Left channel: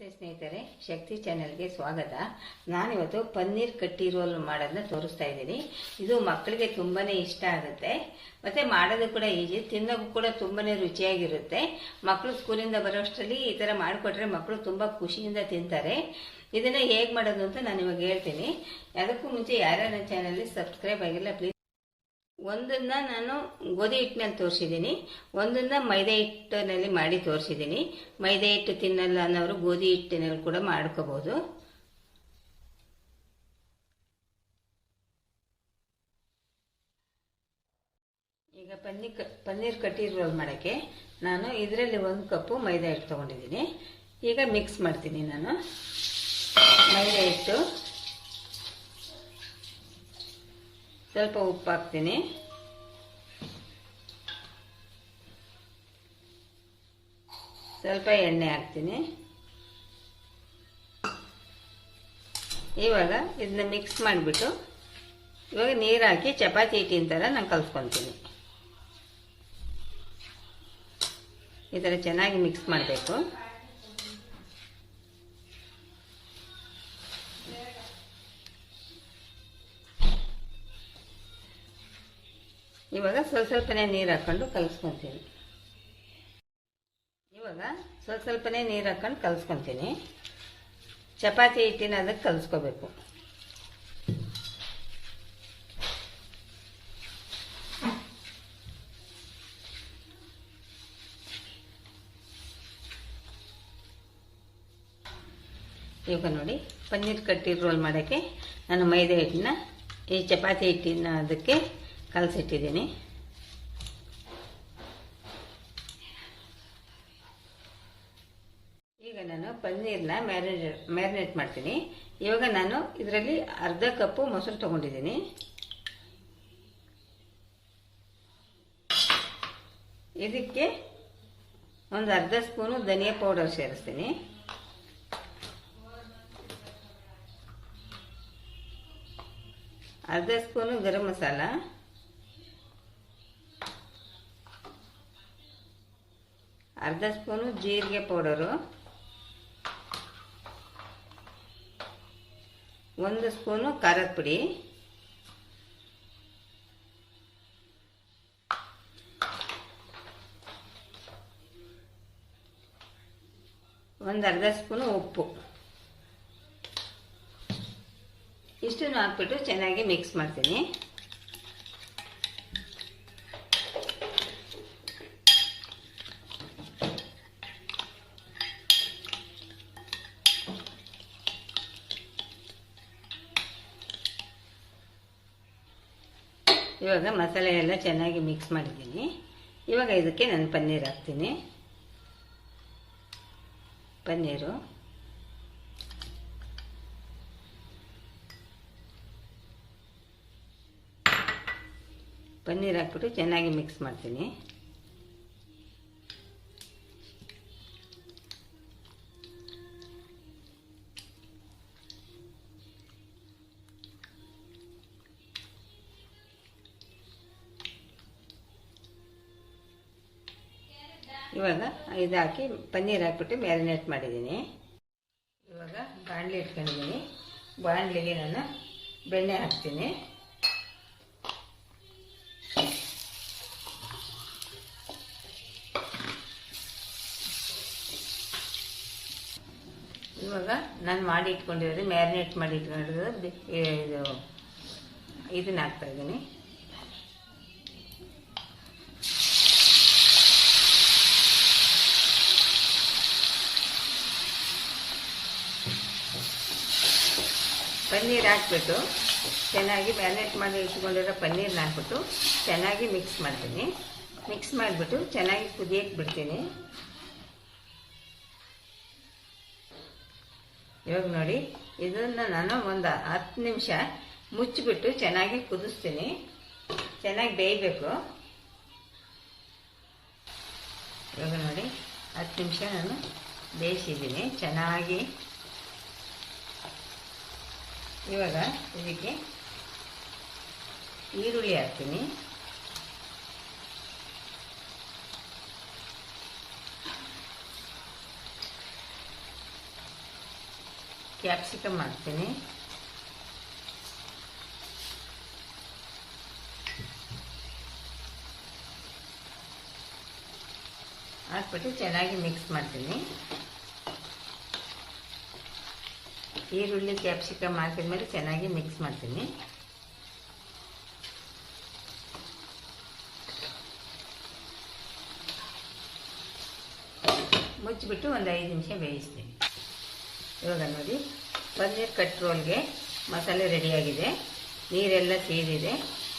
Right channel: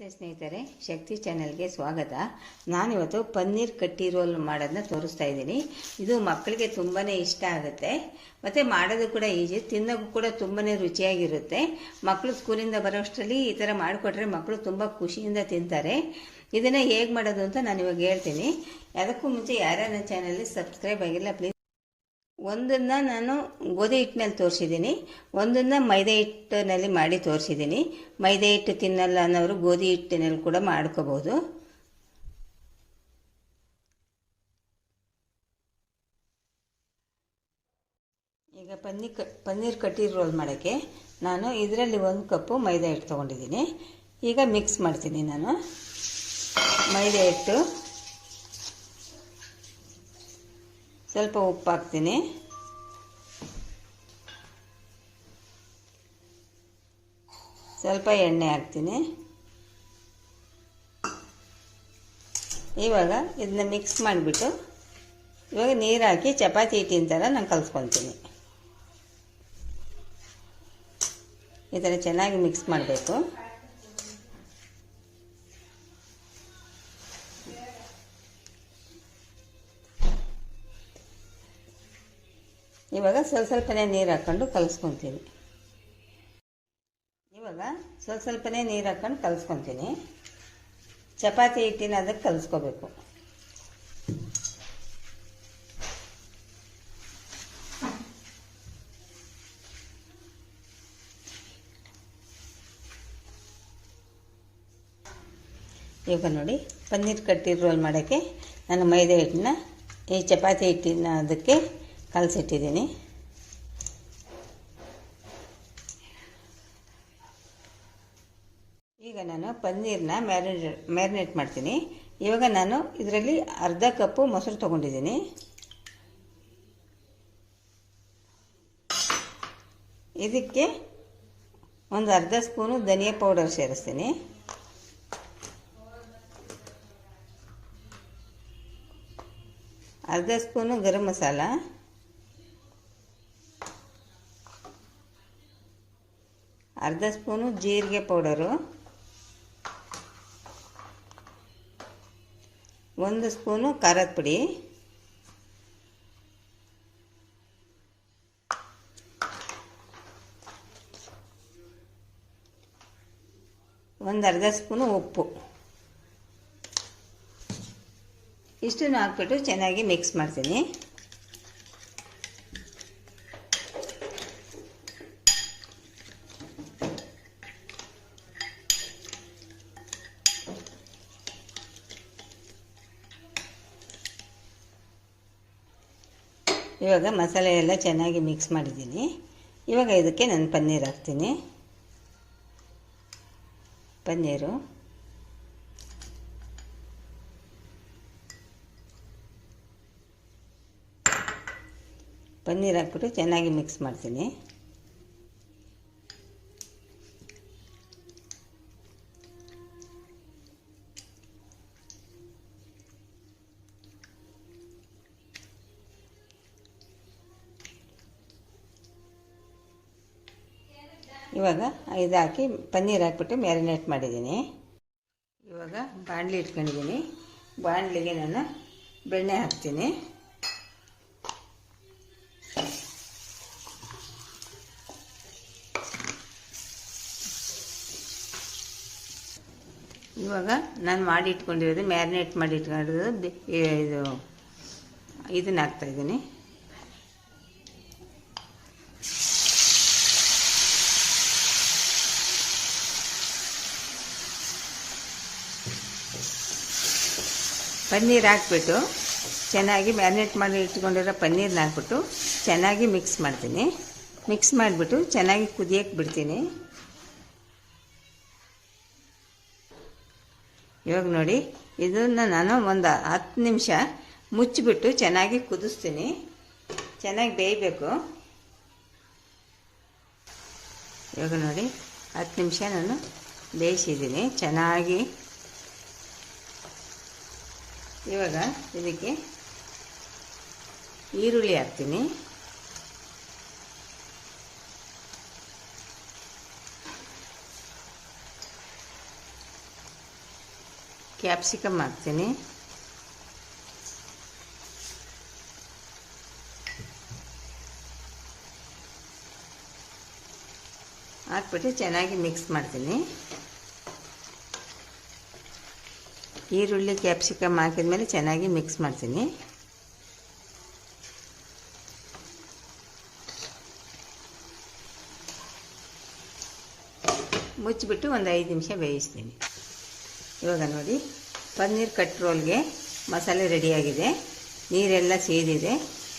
ನಮಸ್ತೆ ಸ್ನೇಹಿತರೆ, ಶಕ್ತಿ ಚಾನೆಲ್ಗೆ ಸ್ವಾಗತ. ನಾನಿವತ್ತು ಪನ್ನೀರ್ ಕಟ್ಟಿ ರೋಲ್ ಮಾಡೋದನ್ನ ತೋರಿಸ್ತಾ ಇದ್ದೀನಿ. ಇದು ಮಕ್ಕಳಿಗೆ ತುಂಬಾ ಇಷ್ಟ ಆಗುತ್ತೆ. ಮತ್ತು ಮಾಡೋದು ಕೂಡ ಈಜಿ ತಿನ್ನೋಕ್ಕೂ ಕೂಡ ತುಂಬಾ ರುಚಿಯಾಗಿರುತ್ತೆ. ಮಕ್ಕಳು ಸ್ಕೂಲಿಂದ ಬರೋಷ್ಟರಲ್ಲಿ ಈ ಥರ ಮಾಡಿಕೊಟ್ರೆ ಮಕ್ಕಳು ತುಂಬ ಖುಷಿಯಿಂದ ತಿಂತಾರೆ. ಇದನ್ನು ಹೇಗೆ ಮಾಡೋದು ಅಂತ ನಾನು ಇವಾಗ ಹೇಳ್ತೀನಿ. ಅದಕ್ಕೂ ಮುಂಚೆ ಯಾರ್ಯಾರ ಚಾನಲ್ಗೆ ಸಬ್ಸ್ಕ್ರೈಬ್ ಆಗಿಲ್ಲ, ಪ್ಲೀಸ್ ಒಂದನ್ನು ನಾನು ಗೋಧಿ ಹಿಟ್ಟಿನಲ್ಲಿ ತೋರಿಸಿದ್ದೀನಿ, ಒಂದನ್ನು ಮೈದಾ ಹಿಟ್ಟಿನಲ್ಲಿ ಮಾಡಿ ತೋರಿಸಿದ್ದೀನಿ. ಮೈದಾ ಹಿಟ್ಟು ತಿನ್ನಲ್ಲ ಅನ್ನೋರು ಗೋಧಿ ಹಿಟ್ಟಿನಲ್ಲಿ ಕೂಡ ಮಾಡ್ಕೋಬೋದು ಈಗ ಪನ್ನೀರ್ ಕ, ಪನ್ನೀರ್ ಕಟ್ಟಿರ್ ರೋಲ್ ಮಾಡೋಕ್ಕೆ ನಾನು ಇದರಲ್ಲಿ ಒಂದು ಕಪ್ಪು ಮೈದಾ ಹಿಟ್ಟು ತೊಗೊಂಡಿದ್ದೀನಿ. ಈಗ ಮಿಕ್ಸ್ ಮಾಡ್ತೀನಿ ನಾನು. ಮೈದಾ ಹಿಟ್ಟು. ಸ್ವಲ್ಪ ಉಪ್ಪು ಹಾಕ್ತೀನಿ ಸ್ವಲ್ಪ ಎಣ್ಣೆ ಹಾಕ್ತೀನಿ. ಇವಾಗ ಇದನ್ನ ಮಿಕ್ಸ್ ಮಾಡಿಬಿಟ್ಟು ಇವಾಗ ನೀರು ಹಾಕಿ ಚಪಾತಿ ಹಿಟ್ಟಿನ ಥರ ನಾನು ಕಲಿಸ್ಕೊತೀನಿ. ಈ ಥರ ಚೆನ್ನಾಗಿ ಮಿಕ್ಸ್ ಮಾಡಬೇಕು. ಇವಾಗ ಸ್ವಲ್ಪ ಸ್ವಲ್ಪನೇ ನೀರು ಹಾಕ್ಕೊಂಡು ಕಲಿಸ್ಕೊತೀನಿ. ಇವಾಗ ಸ್ವಲ್ಪ ಸ್ವಲ್ಪನೇ ನೀರು ಹಾಕ್ಕೊಂಡು ಕಲಿಸ್ಕೊತೀನಿ. ಚಪಾತಿ ಹಿಟ್ಟಿನ ಅದಕ್ಕೆ ಕಲಿಸ್ಕೋಬೇಕು. ಇವಾಗ ನೋಡಿ ಪನ್ನೀರ್ ಕಟ್ಟಿ ರೋಲ್ ಮಾಡೋಕ್ಕೆ ನಾನು ಮೈದಾ ಹಿಟ್ಟನ್ನ ಈ ಚಪಾತಿ ಹಿಟ್ಟಿನ ಅದಕ್ಕೆ ಕಲಸಿಟ್ಟಿದ್ದೀನಿ. ಈಗ ನಾನು ಪನ್ನೀರನ್ನ ಮ್ಯಾರಿನೇಟ್ ಮ್ಯಾರಿನೇಟ್ ಮಾಡ್ತೀನಿ. ಇವಾಗ ನಾನು ಇದರಲ್ಲಿ ಅರ್ಧ ಕಪ್ಪು ಮೊಸರು ತೊಗೊಂಡಿದ್ದೀನಿ. ಇದಕ್ಕೆ ಒಂದು ಅರ್ಧ ಸ್ಪೂನು ಧನಿಯಾ ಪೌಡರ್ ಸೇರಿಸ್ತೀನಿ. ಅರ್ಧ ಸ್ಪೂನು ಗರಂ ಮಸಾಲ. ಅರ್ಧ ಸ್ಪೂನು ಜೀರಿಗೆ ಪೌಡರು. ಒಂದು ಸ್ಪೂನು ಖಾರದ ಪುಡಿ. ಒಂದು ಅರ್ಧ ಸ್ಪೂನು ಉಪ್ಪು. ಇಷ್ಟನ್ನು ಹಾಕ್ಬಿಟ್ಟು ಚೆನ್ನಾಗಿ ಮಿಕ್ಸ್ ಮಾಡ್ತೀನಿ. ಇವಾಗ ಮಸಾಲೆ ಎಲ್ಲ ಚೆನ್ನಾಗಿ ಮಿಕ್ಸ್ ಮಾಡಿದ್ದೀನಿ. ಇವಾಗ ಇದಕ್ಕೆ ನಾನು ಪನ್ನೀರ್ ಹಾಕ್ತೀನಿ. ಪನ್ನೀರು. ಪನ್ನೀರ್ ಹಾಕ್ಬಿಟ್ಟು ಚೆನ್ನಾಗಿ ಮಿಕ್ಸ್ ಮಾಡ್ತೀನಿ. ಇವಾಗ ಇದು ಹಾಕಿ ಪನ್ನೀರ್ ಹಾಕ್ಬಿಟ್ಟು ಮ್ಯಾರಿನೇಟ್ ಮಾಡಿದ್ದೀನಿ. ಇವಾಗ ಬಾಣಲಿ ಇಟ್ಕೊಂಡಿದ್ದೀನಿ. ಬಾಣಲಿಗೆ ನಾನು ಬೆಣ್ಣೆ ಹಾಕ್ತೀನಿ. ಇವಾಗ ನಾನು ಮಾಡಿ ಇಟ್ಕೊಂಡಿರೋದು ಮ್ಯಾರಿನೇಟ್ ಮಾಡಿ ಇಟ್ಕೊಂಡಿರೋದು ಇದು ಇದನ್ನ ಹಾಕ್ತಾಯಿದ್ದೀನಿ ಪನ್ನೀರ್ ಹಾಕ್ಬಿಟ್ಟು ಚೆನ್ನಾಗಿ ಮ್ಯಾರಿನೇಟ್ ಮಾಡಿ ಇಟ್ಕೊಂಡಿರೋ ಪನ್ನೀರ್ನ ಹಾಕ್ಬಿಟ್ಟು ಚೆನ್ನಾಗಿ ಮಿಕ್ಸ್ ಮಾಡ್ತೀನಿ. ಮಿಕ್ಸ್ ಮಾಡಿಬಿಟ್ಟು ಚೆನ್ನಾಗಿ ಕುದಿಯೋಕ್ಕೆ ಬಿಡ್ತೀನಿ. ಇವಾಗ ನೋಡಿ, ಇದನ್ನು ನಾನು ಒಂದು ಹತ್ತು ನಿಮಿಷ ಮುಚ್ಚಿಬಿಟ್ಟು ಚೆನ್ನಾಗಿ ಕುದಿಸ್ತೀನಿ. ಚೆನ್ನಾಗಿ ಬೇಯಬೇಕು. ಇವಾಗ ನೋಡಿ, ಹತ್ತು ನಿಮಿಷ ನಾನು ಬೇಯಿಸಿದ್ದೀನಿ. ಚೆನ್ನಾಗಿ ಇವಾಗ ಇದಕ್ಕೆ ಈರುಳ್ಳಿ ಹಾಕ್ತೀನಿ. ಕ್ಯಾಪ್ಸಿಕಮ್ ಹಾಕ್ತೀನಿ. ಹಾಕ್ಬಿಟ್ಟು ಚೆನ್ನಾಗಿ ಮಿಕ್ಸ್ ಮಾಡ್ತೀನಿ. ಈರುಳ್ಳಿ ಕ್ಯಾಪ್ಸಿಕಮ್ ಹಾಕಿದ್ಮೇಲೆ ಚೆನ್ನಾಗಿ ಮಿಕ್ಸ್ ಮಾಡ್ತೀನಿ. ಮುಚ್ಚಿಬಿಟ್ಟು ಒಂದು ಐದು ನಿಮಿಷ ಬೇಯಿಸ್ತೀನಿ. ಇವಾಗ ನೋಡಿ, ಪನ್ನೀರ್ ಕಟ್ರೋಲ್ಗೆ ಮಸಾಲೆ ರೆಡಿಯಾಗಿದೆ ನೀರೆಲ್ಲ ಸೇರಿದೆ,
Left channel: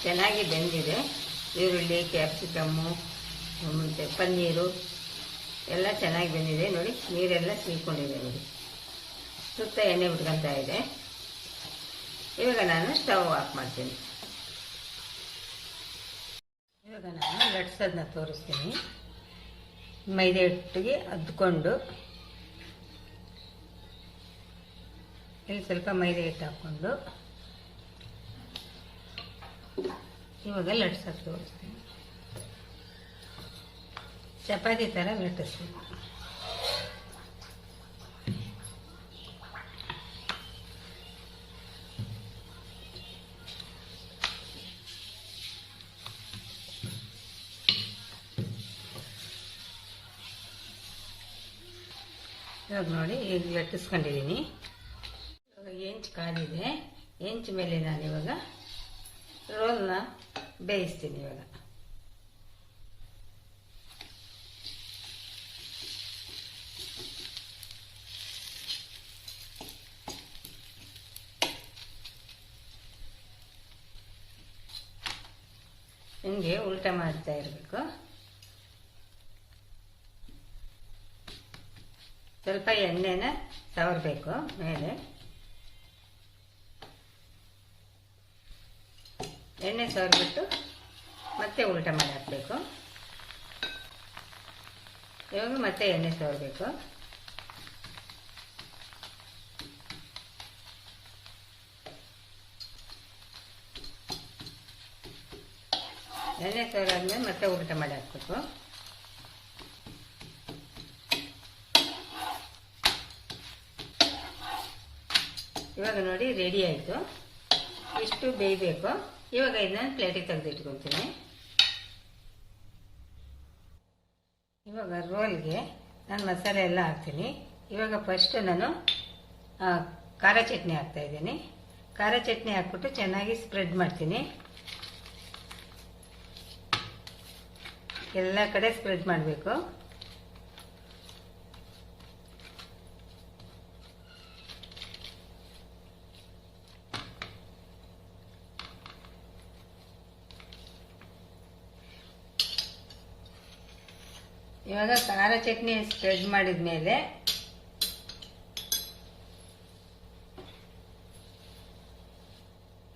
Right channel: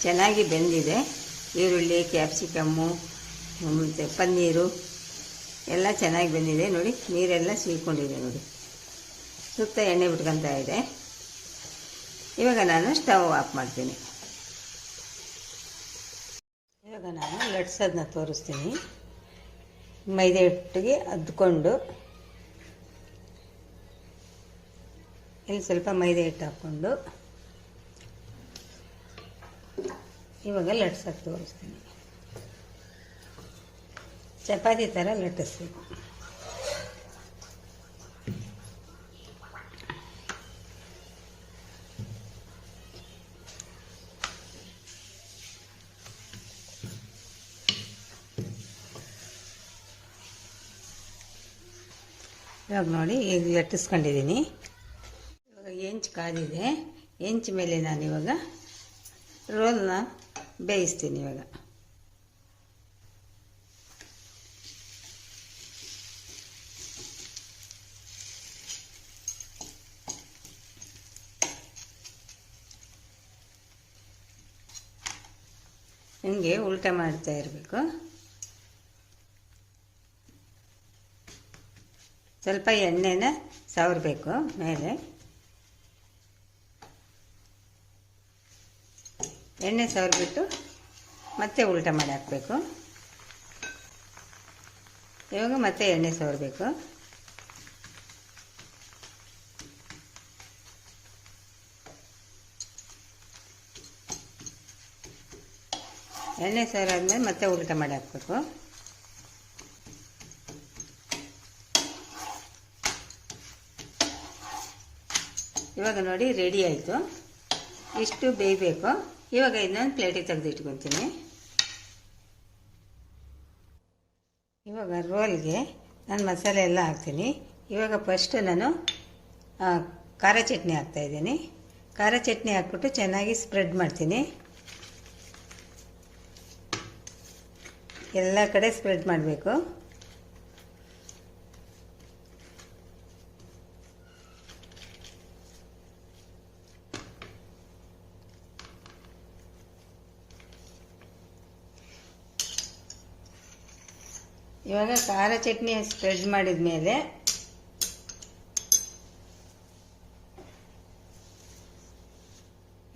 ಚೆನ್ನಾಗಿ ಬೆಂದಿದೆ. ಈರುಳ್ಳಿ ಕ್ಯಾಪ್ಸಿಕಮ್ಮು ಮತ್ತು ಪನ್ನೀರು ಎಲ್ಲ ಚೆನ್ನಾಗಿ ಬೆಂದಿದೆ. ನೋಡಿ, ನೀರೆಲ್ಲ ಸೀಕೊಂಡಿದೆ ನೋಡಿ. ಸುತ್ತ ಎಣ್ಣೆ ಬಿಟ್ಕೊತಾ ಇದೆ. ಇವಾಗ ನಾನು ಸ್ಟವ್ ಆಫ್ ಮಾಡ್ತೀನಿ. ಇವಾಗ ನಾನು ಲಟ್ಸೋದನ್ನ ತೋರಿಸ್ತೀನಿ. ಮೈದೆ ಹಿಟ್ಟಿಗೆ ಅದ್ಕೊಂಡು ಇಲ್ಲಿ ಸ್ವಲ್ಪ ಮೈದೆ ಹಿಟ್ಟು ಹಾಕ್ಕೊಂಡು ಇವಾಗ ಲಟ್ಸೋದು ತೋರಿಸ್ತೀನಿ. ಚಪಾತಿ ಥರ ಲಟ್ಟಿಸ್ಬೇಕು. ಇವಾಗ ನೋಡಿ, ಈಗ ಲಟ್ಟಿಸ್ಕೊಂಡಿದ್ದೀನಿ ಇವಾಗ ಹೆಂಚು ಕಾದಿದೆ ಹೆಂಚು ಮೇಲೆ ನಾನು ಇವಾಗ ರೋಲ್ನ ಬೇಯಿಸ್ತೀನಿ ಇವಾಗ. ಹಿಂಗೆ ಉಲ್ಟ ಮಾಡ್ತಾ ಇರಬೇಕು. ಸ್ವಲ್ಪ ಎಣ್ಣೆನ ಸವರಬೇಕು ಮೇಲೆ. ಎಣ್ಣೆ ಸವರ್ಬಿಟ್ಟು ಮತ್ತೆ ಉಲ್ಟ ಮಾಡಿ ಹಾಕಬೇಕು. ಇವಾಗ ಮತ್ತೆ ಎಣ್ಣೆ ಸವರಬೇಕು. ಎಣ್ಣೆ ಸವರಾದ್ಮೇಲೆ ಮತ್ತೆ ಉಲ್ಟ ಮಾಡಿ ಹಾಕಬೇಕು. ಇವಾಗ ನೋಡಿ ರೆಡಿ ಆಯಿತು. ಇಷ್ಟು ಬೇಯಬೇಕು. ಇವಾಗ ಇನ್ನೊಂದು ಪ್ಲೇಟಿಗೆ ತೆಗೆದಿಟ್ಕೊತೀನಿ ಇವಾಗ ರೋಲ್ಗೆ ನಾನು ಮಸಾಲೆ ಎಲ್ಲ ಹಾಕ್ತೀನಿ. ಇವಾಗ ಫಸ್ಟ್ ನಾನು ಖಾರ ಚಟ್ನಿ ಹಾಕ್ತಾಯಿದ್ದೀನಿ ಖಾರ ಚಟ್ನಿ ಹಾಕ್ಬಿಟ್ಟು ಚೆನ್ನಾಗಿ ಸ್ಪ್ರೆಡ್ ಮಾಡ್ತೀನಿ. ಎಲ್ಲ ಕಡೆ ಸ್ಪ್ರೆಡ್ ಮಾಡಬೇಕು. ಇವಾಗ ಖಾರ ಚಟ್ನಿ ಸ್ಪ್ರೆಡ್ ಮಾಡಿದ ಮೇಲೆ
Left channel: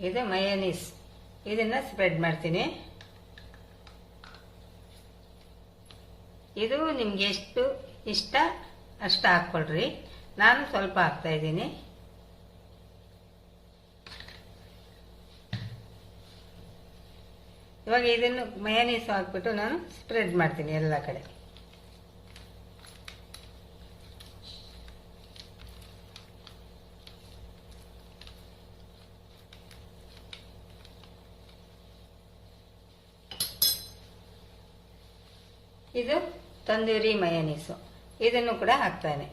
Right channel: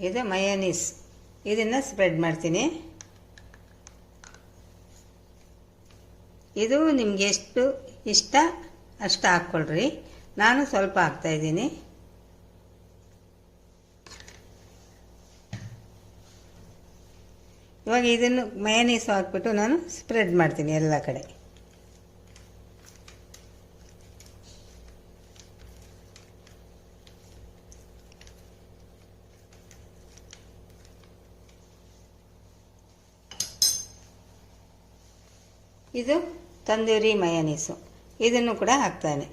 ಇದು ಮಯೋನೀಸ್ ಇದನ್ನು ಸ್ಪ್ರೆಡ್ ಮಾಡ್ತೀನಿ. ಇದು ನಿಮ್ಗೆ ಎಷ್ಟು ಇಷ್ಟ ಅಷ್ಟು ಹಾಕ್ಕೊಳ್ರಿ. ನಾನು ಸ್ವಲ್ಪ ಹಾಕ್ತಾಯಿದ್ದೀನಿ ಇವಾಗ ಇದನ್ನು ಮಯನೀಸ್ ಹಾಕ್ಬಿಟ್ಟು ನಾನು ಸ್ಪ್ರೆಡ್ ಮಾಡ್ತೀನಿ ಎಲ್ಲ ಕಡೆ. ಇದು ತಂದೂರಿ ಮಯನೀಸು. ಇದನ್ನು ಕೂಡ ಹಾಕ್ತಾನೆ.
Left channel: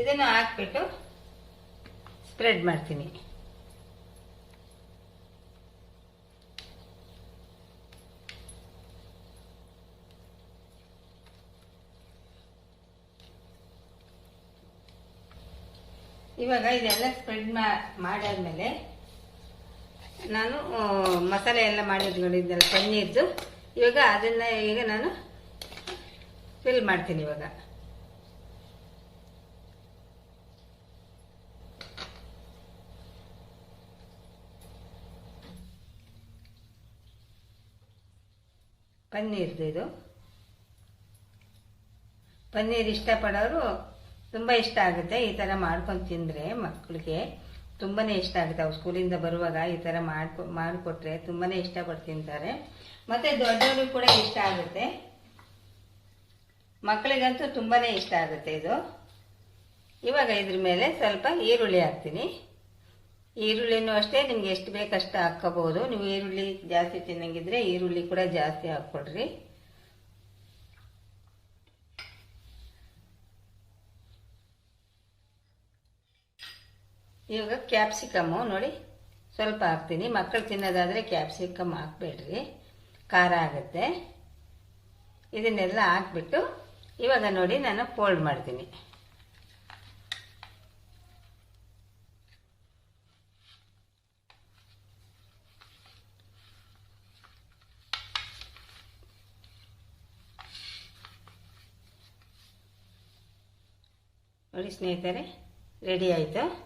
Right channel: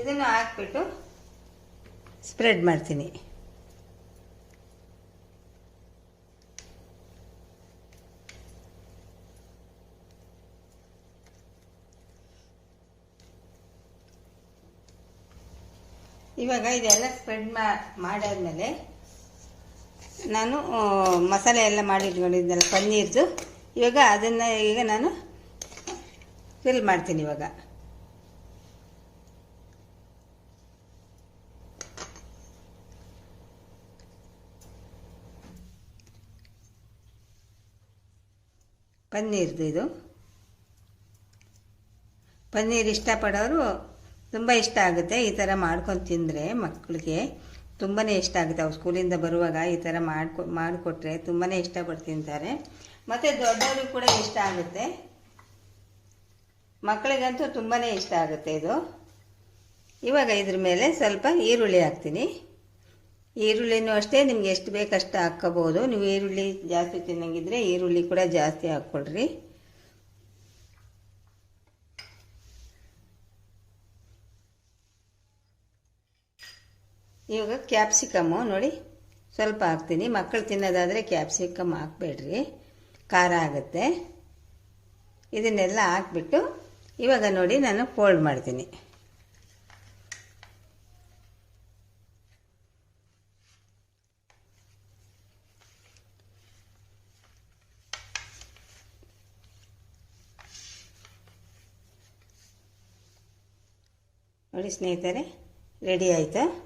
ಇದನ್ನು ಹಾಕ್ಬಿಟ್ಟು ಸ್ಪ್ರೆಡ್ ಮಾಡ್ತೀನಿ. ಇವಾಗ ಇದೆಲ್ಲ ಸ್ಪ್ರೆಡ್ ಮಾಡಾದ್ಮೇಲೆ ನಾನು ಮಸಾಲೆ ಎಲ್ಲ ಮಾಡಿಟ್ಕೊಂಡಿದ್ದೆಲ್ಲ ಪನ್ನೀರ್ದು ಇವಾಗ ಅದನ್ನು ಈಗ ನಾನು ಫಿಲ್ ಮಾಡ್ತೀನಿ ಇವಾಗ. ಪನ್ನೀರ್ದು ಇದು. ಪನ್ನೀರ್ ಇಷ್ಟಪಡೋರು ತುಂಬ ಇಷ್ಟ ಆಗುತ್ತೆ ಈ ಥರ ಮಾಡ್ಕೊಂಡು ತಿಂದರೆ ಮಕ್ಕಳಿಗೆ ತುಂಬಾ ಇಷ್ಟ ಆಗುತ್ತೆ. ಅವ್ರು ಸ್ಕೂಲಿಂದ ಬರುವಾಗ ಈ ಥರ ಮಾಡ್ಕೊ, ಮಾಡಿಕೊಟ್ರೆ ತುಂಬಾ ಇಷ್ಟಪಟ್ಟು ತಿಂತಾರೆ ಮತ್ತು ದೊಡ್ಡವರು ಕೂಡ ಇಷ್ಟ ಆಗುತ್ತೆ. ಮಕ್ಕಳಿಗಂತೂ ತುಂಬಾ ಇಷ್ಟ ಆಗುತ್ತೆ ಇದು. ಇವಾಗ ಇದ್ರ ಮೇಲೆ ಸ್ವಲ್ಪ ಈರುಳ್ಳಿ ಹಾಕ್ತೀನಿ. ಈರುಳ್ಳಿನೂ ಅಷ್ಟೇ, ನಿಮ್ಗೆ ಎಷ್ಟು ಬೇಕಷ್ಟು ಹಾಕ್ಕೋಬೋದು ನೀವು ಈರುಳ್ಳಿ ಜಾಸ್ತಿ ತಿನ್ನಂಗಿದ್ರೆ ಈರುಳ್ಳಿ ಕೂಡ ಜಾಸ್ತಿ ಹಾಕ್ಕೊಳ್ರಿ ಇವಾಗ ಕ್ಯಾಪ್ಸಿಕಮ್ಮು ನೋಡಿ ಸ್ವಲ್ಪ ಹಾಕ್ತೀನಿ. ಮಕ್ಕಳು ತಿನ್ನೋದಾದರೆ ಕ್ಯಾಪ್ಸಿಕಮ್ ಹಾಕ್ಬೇಡ್ರಿ. ಖಾರ ಆಗುತ್ತೆ. ಇದನ್ನೆಲ್ಲ ಹಾಕ್ಬಿಟ್ಟು ಇವಾಗ ನೋಡಿ ನಾನು ಫೋಲ್ಡ್ ಮಾಡ್ತೀನಿ. ನೋಡಿ ಸ್ನೇಹಿತರೆ ರೆಡಿ ಆಯಿತು?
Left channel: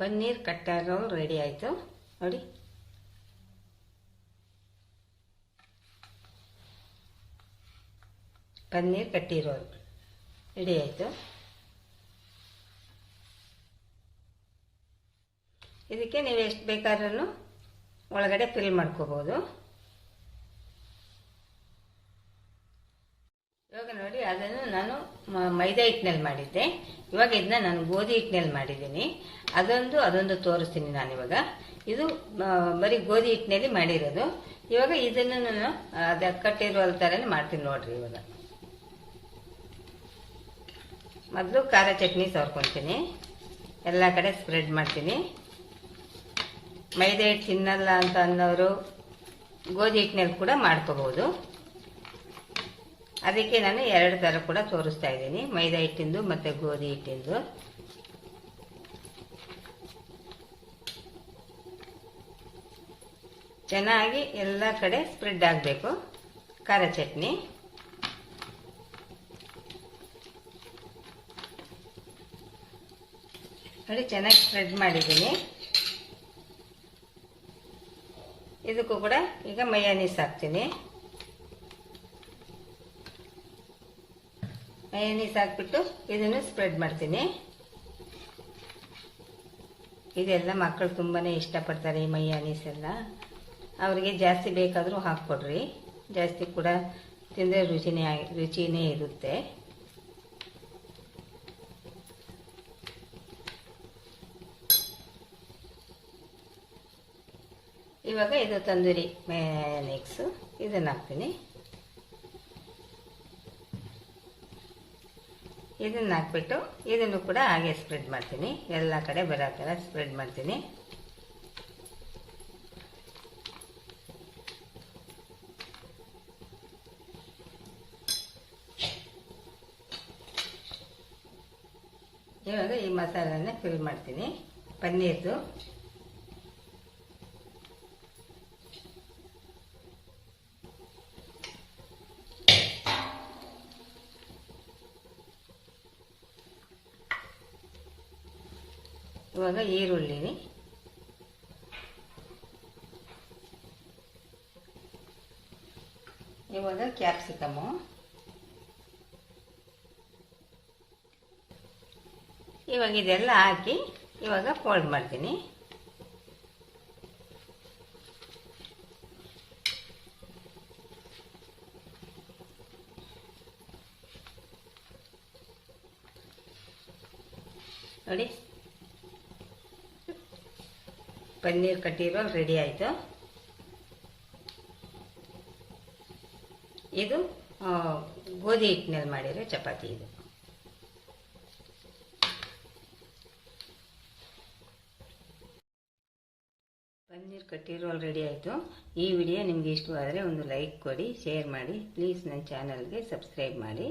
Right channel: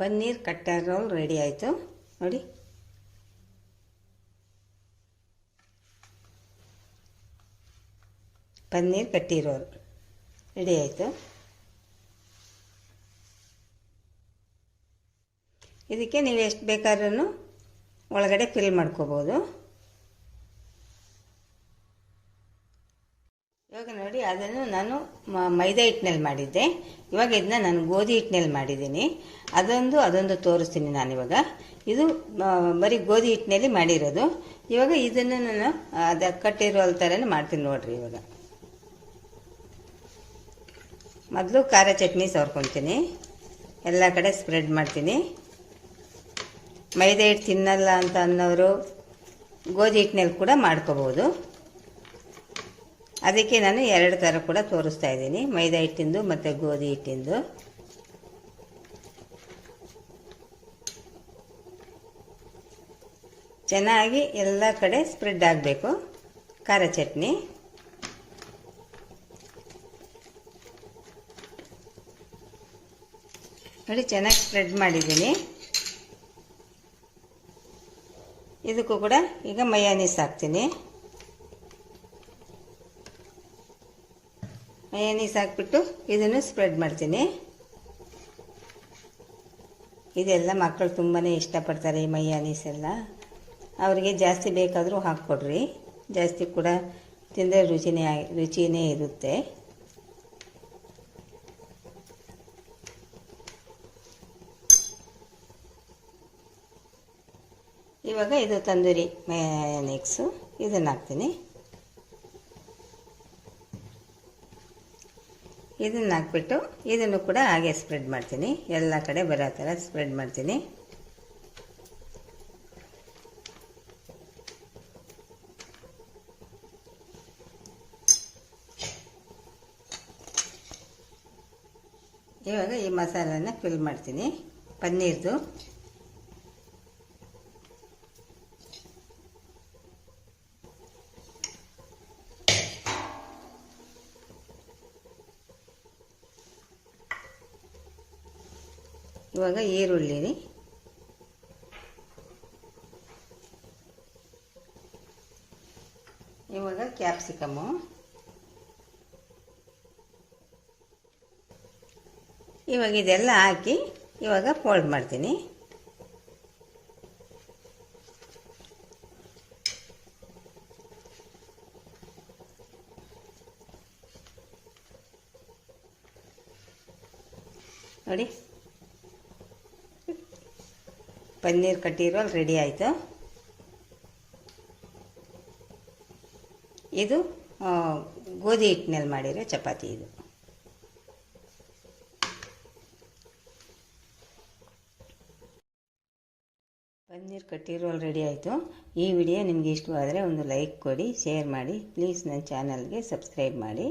ಪನ್ನೀರ್ ಕಟ್ಟರ್ ರೋಲ್ ರೆಡಿ ಆಯಿತು. ನೋಡಿ. ಪನ್ನೀರ್ ಕಟ್ಟಿ ರೋಲ್ ರೆಡಿ ಆಯಿತು. ಇದಕ್ಕೆ ನೀವು ಎಷ್ಟು ಬೇಕಾದ್ರೂ ಒಳಗಡೆ ಫಿಲ್ ಮಾಡ್ಕೋಬೋದು. ಇವಾಗ ನೋಡಿ, ಅದನ್ನು ನಾನು ಮೈದಾ ಹಿಟ್ಟಿನಲ್ಲಿ ಮಾಡಿದ್ದೆ. ಇವಾಗ ಇದನ್ನ ನಾನು ಗೋಧಿ ಹಿಟ್ಟಿನಲ್ಲಿ ಮಾಡಿದ್ದೀನಿ. ಅದೊಂದು ಅದೊಂದು ತೋರಿಸ್ತೀನಿ ನಾನು ಇವಾಗ. ಇದು ಬರೀ ಗೋಧಿ ಹಿಟ್ಟಿನಲ್ಲಿ ಮಾಡಿರೋದು. ಇವಾಗ ಇದನ್ನು ನಾನು ಅದ ಕಟ್ಟಿರೋ ಥರನೇ ಮಾಡ್ತೀನಿ ನೋಡ್ರಿ ಇವಾಗ. ಮೊದಲು ಖಾರ ಚಟ್ನಿ ಸವರ್ಕೊತೀನಿ. ಎಲ್ಲ ಕಡೆ ಸ್ಪ್ರೆಡ್ ಮಾಡ್ತೀನಿ. ಮೈದಾ ಹಿಟ್ಟು ತಿನ್ನಲ್ಲ ಅಂತ ಅನ್ನೋರು ಗೋಧಿ ಹಿಟ್ಟಿನಲ್ಲಿ ಕೂಡ ಮಾಡ್ಕೋಬೋದು. ಅದಕ್ಕೆ ನಾನು ಎರಡು ಥರ ಕೂಡ ತೋರಿಸ್ತಾ ಇದ್ದೀನಿ. ಮೈದಾ ಹಿಟ್ಟಿಂದು ಮತ್ತು ಗೋಧಿ ಹಿಟ್ಟಿಂದು. ಚೆನ್ನಾಗಿ ಎಲ್ಲ ಕಡೆ ಸ್ಪ್ರೆಡ್ ಆಗಬೇಕು. ಖಾರ ಚಟ್ನಿ. ನೋಡಿ, ಚೆನ್ನಾಗಿ ಸ್ಪ್ರೆಡ್ ಮಾಡಿದ್ದೀನಿ. ಇದಕ್ಕೂ ಕೂಡ ಈಗ ಮಯಾನೀಸ್ ಹಾಕ್ತೀನಿ. ಮಯೋನೀಸ್ ಹಾಕ್ಬಿಟ್ಟು ಇದನ್ನು ಸ್ಪ್ರೆಡ್ ಮಾಡ್ತೀನಿ. ಇದೆಲ್ಲ ಮಕ್ಕಳು ತುಂಬಾ ಇಷ್ಟಪಡ್ತಾರೆ ಈ ಮಯೋನೀಸ್ ಎಲ್ಲ. ಅವರಿಗೆ ಜಾಸ್ತಿ ಬೇಕಾದರೂ ಹಾಕ್ಕೊಡ್ರಿ. ಜಾಸ್ತಿ ಕೂಡ ತಿಂದರೆ ರುಚಿನೇ ರುಚಿನೇ ಇರುತ್ತೆ. ಇವಾಗ ಇದು ತಂದೂರಿ ಮೆಕ್ಸು ಇದನ್ನು ಹಾಕ್ತೀನಿ. ಇದನ್ನು ಹಾಕ್ಬಿಟ್ಟು ಇದನ್ನು ಕೂಡ ಹಾಗೆ ಸ್ಪ್ರೆಡ್ ಮಾಡ್ತೀನಿ. ಎಲ್ಲ ಕಡೆ ಬರೋ ಥರ ಸ್ಪ್ರೆಡ್ ಮಾಡ್ತೀನಿ. ಇವಾಗ ಈ ಮಸಾಲನ ಫಿಲ್ ಮಾಡ್ತೀನಿ. ಪನ್ನೀರ್ದು. ಈರುಳ್ಳಿ. ಇವಾಗ ಕ್ಯಾಪ್ಸಿಕಮು ಇವಾಗ ಇದೆಲ್ಲ ಹಾಕಿ ಇವಾಗ ಫೋಲ್ಡ್ ಮಾಡ್ತೀನಿ ನೋಡಿ ಪನ್ನೀರ್ ಕಟ್ಟಿರೋಲ್ ರೆಡಿ ಆಯಿತು. ಇದು ಗೋಧಿ ಹಿಟ್ಟಿನಲ್ಲಿ ಮಾಡಿರೋ ಚಪಾತಿ ಇದು. ಪನ್ನೀರ್ ಕಟ್ಟಿರೋಲ್ ರೆಡಿ ಆಯಿತು. ಈ ವಿಡಿಯೋ ನಿಮಗೆ ಇಷ್ಟವಾದರೆ ಒಂದು ಲೈಕ್ ಕೊಡಿ, ಶೇರ್ ಮಾಡಿ. ಪ್ಲೀಸ್ ನನ್ನ ಚಾನಲ್ಗೆ ಸಬ್ಸ್ಕ್ರೈಬ್ ಮಾಡಿ.